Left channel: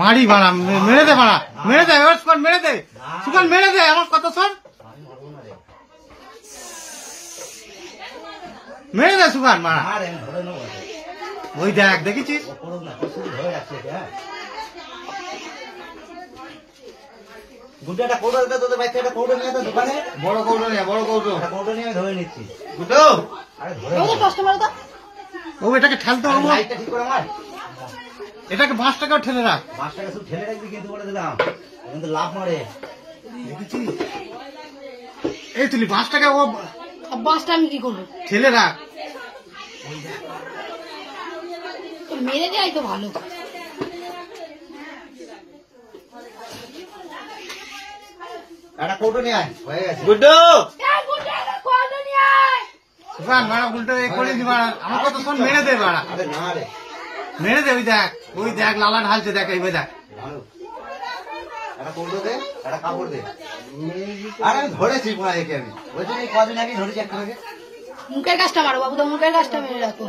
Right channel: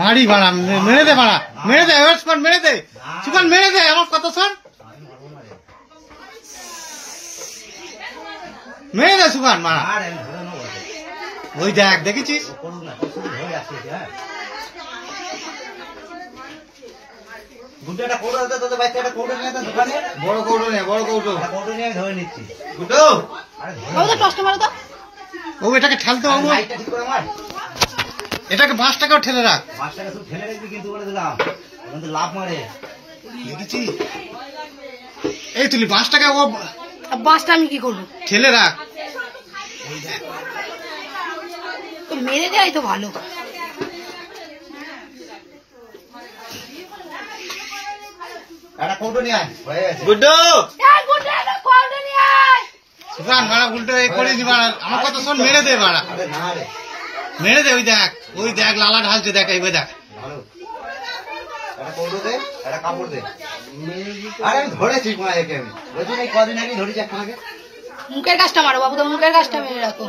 মারি বাড়া, মেরে দে বাড়া, মেরে দে, এবার সুকান মেরে দে, সুকান মেরে দে, আমার কথা শোন, মেরে দে সুকান মারা। ওই দেখ, দেখেছিস? বড় কৌটো নিয়ে, বড় কৌটো নিয়ে ধরে নিচ্ছি। ও এটাকে ঠেলতে হবে, এটাকে বাঁশটাকেও ঠেলে রাখ, ঠেলে রাখবি কিন্তু বলে দিলাম লাভ মারে। দেখেছিস? এই তুলি বাঁশটাকে, ও বাঁশটা আমি কি করবো? ঠেলে রাখ, মেরে দেয় তো ভালো। একটা কৌটো নিয়ে আয়, হয়ে গেছে। গুড্ডু আয়। সুকান মারা উল্টো এ করে দি মারা, আমার কথা শোন, মেরে দে মারা, আরে না রে, মেরে দে। ওই দেখ লালা ঢালছে, দেখ এইবার দেখ। ভালো। একটা কৌটো দে, একটা কাপড় দে। আরে আমি ধরেছি মা, একে আমি বলছি এই কদিন আগে ধরেছি একটাকে। মুখের কাজটা মারো বাবু, তো মুখের কাজটা মেরে রাখো।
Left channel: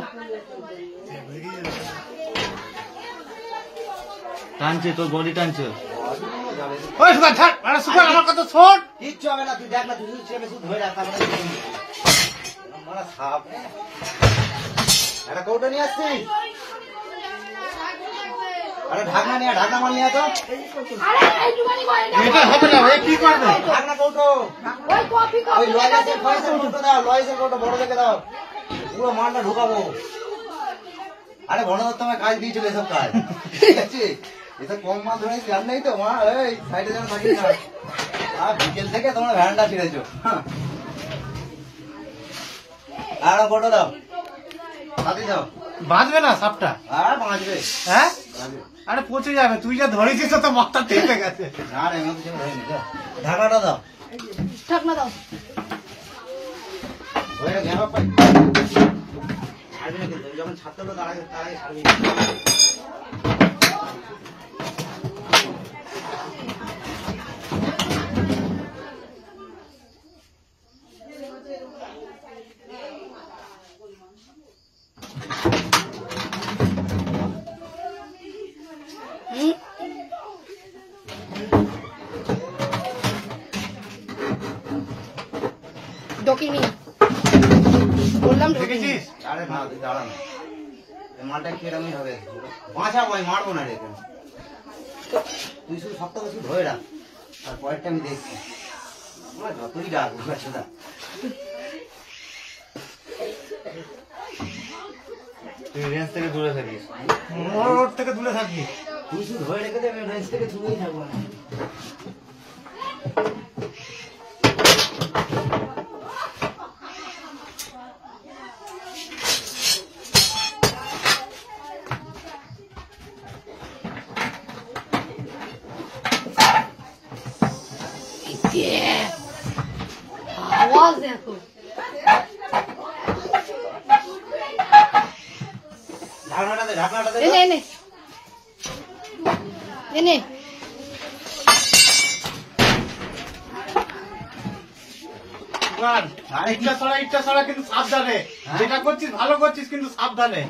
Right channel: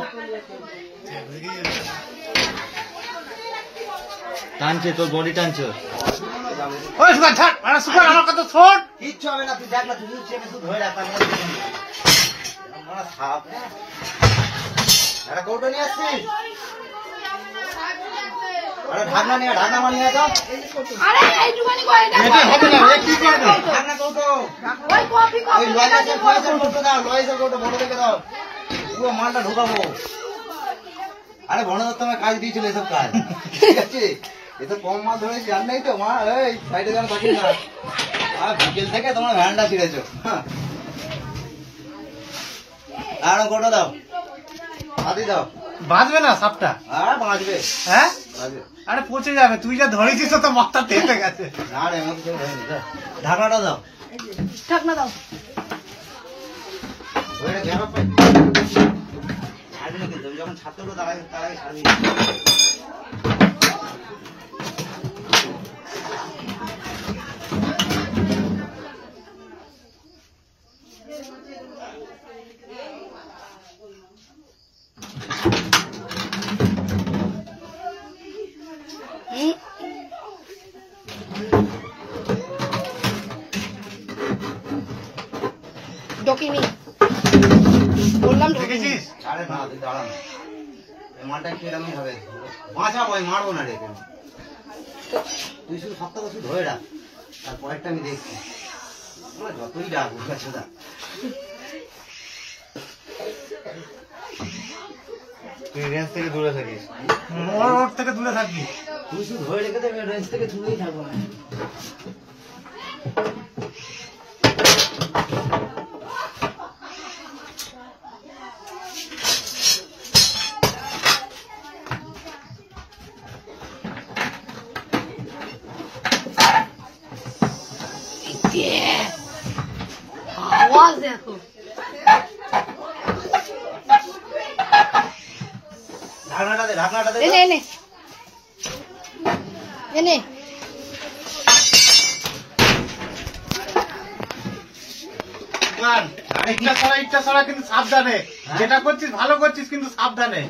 টানছে তোর বডি টানছে। ওই সুকান ছাড়, আরে সুকান আমার কথা শোন। কিচ্ছু হবে না, তুই দেখ না, তুই চেপে শুধু ধরে রাখ। একটা কৌটো নিয়ে আসছিস? আরে ঢাকনা নিয়ে, ঢাকনা মানিয়ে তো। আরে এইটুখানি করে না। এটা হবে না, এ কি করবে? ঢাকনা কৌটো, ওই কফি ওই লয়েসের কৌটো দাও, লয়েসের কৌটো বড় দেখে দাও, পুরো মালটা ঢুকাবো। আরে বড় দত্ত আমার কাজ দিয়েছিল এসব কাজ, ঠিক আছে? এসব কম মাল ধরেছি, জান নাই তো মা, এই সাইডে যেন কপি না। আর বিকেল থেকে তোমরা ভ্যানটা ছিঁড়েছো। আর কৌটো দাও, হাতি দাও। বাঁচবে না সাপটা? আর বাঁচবে, হ্যাঁ, বাঁচবে। আরে পচে যাবে, তুই যা ধরেছিস তো মাথা তেতে গেছে। না রে, আমার কিছু হয়নি। ঢাকাটা দাও, ঢাকনা দাও। ধরে ঘেরা পাই। ছাড়বি না কিন্তু, যখন ছাড়তে হলো তার আগে ছাড়বি। ডকিনি বললাম, দেখেছিস? আরে না, তুই দাঁড়া না, এই মালটা কিরকম হবে বাঁচাবো, আমি মারবো না রে। তুই শুধু শক্ত করে ধরে রাখ, তারপরেরটা আমি দেখছি। যতই ডাক বুঝতে তুই রেঞ্জ থেকে দূরে থাকিস, ওর থেকে দূরে থাকবি। তুই শুধু ধরে রেখে দেবে, রেঞ্জ থেকে ছুটেই থাকবো না। আওয়াজ দেখো। ঢাকনাটা দে, ঢাকনাটা দে। এনে এনে এনে সুকান, আরে ইচ্ছা ছড়া কিন্তু সাবধানে, যেটা করছিস ভালো করছিস কিন্তু সাবধানে।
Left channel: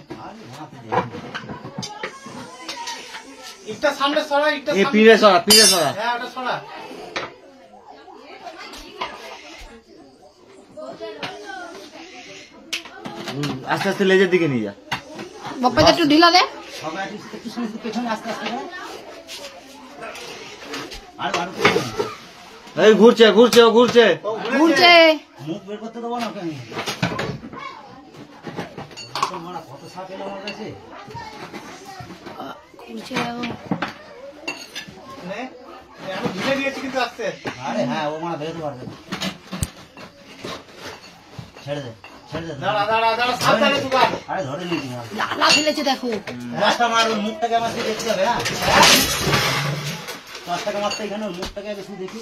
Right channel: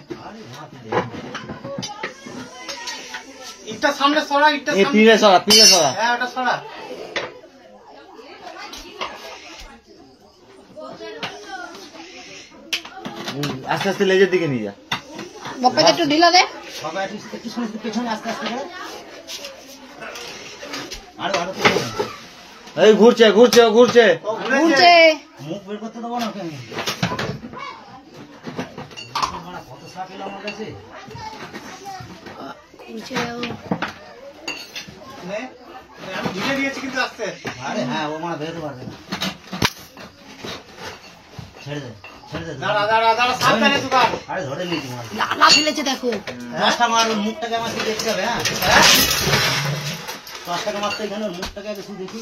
ইটটা সামনে ছড়া, ইটটা পিড়ে সরা, পিড়ে সরা। হ্যাঁ ওটা ছড়া। আস্তে আস্তে লেজের দিকে নিয়ে যা। বাপ্পাকে একটু ঢিলা দে। সবাই একটু পেছনে আস্তে আস্তে করে। এই ঘুরছে ঘুরছে ও ঘুরছে ঘুরছে। মুখ বের করতে দেবো না কেন? কত সাপ এলো আমার কাছে। ঘুরছে আমি ধুয়ে দিয়েছি কিন্তু আসতে। আরে হ্যাঁ, ও মানে বেরোতে পারবে না। ছেড়ে দে, ছেড়ে দে। দাঁড়া দাঁড়া দাঁড়া, সাবধানে সুকান। আরে ধরে নিয়েছি মার। লালা ফেলেছে দেখো। দশটা মার, ওর মুখটাকে আমার শুধু দেখতে হবে। হ্যাঁ, 10 টাকা মারতে এখানে ওর মুখটাকে আগে শুধু দেখি।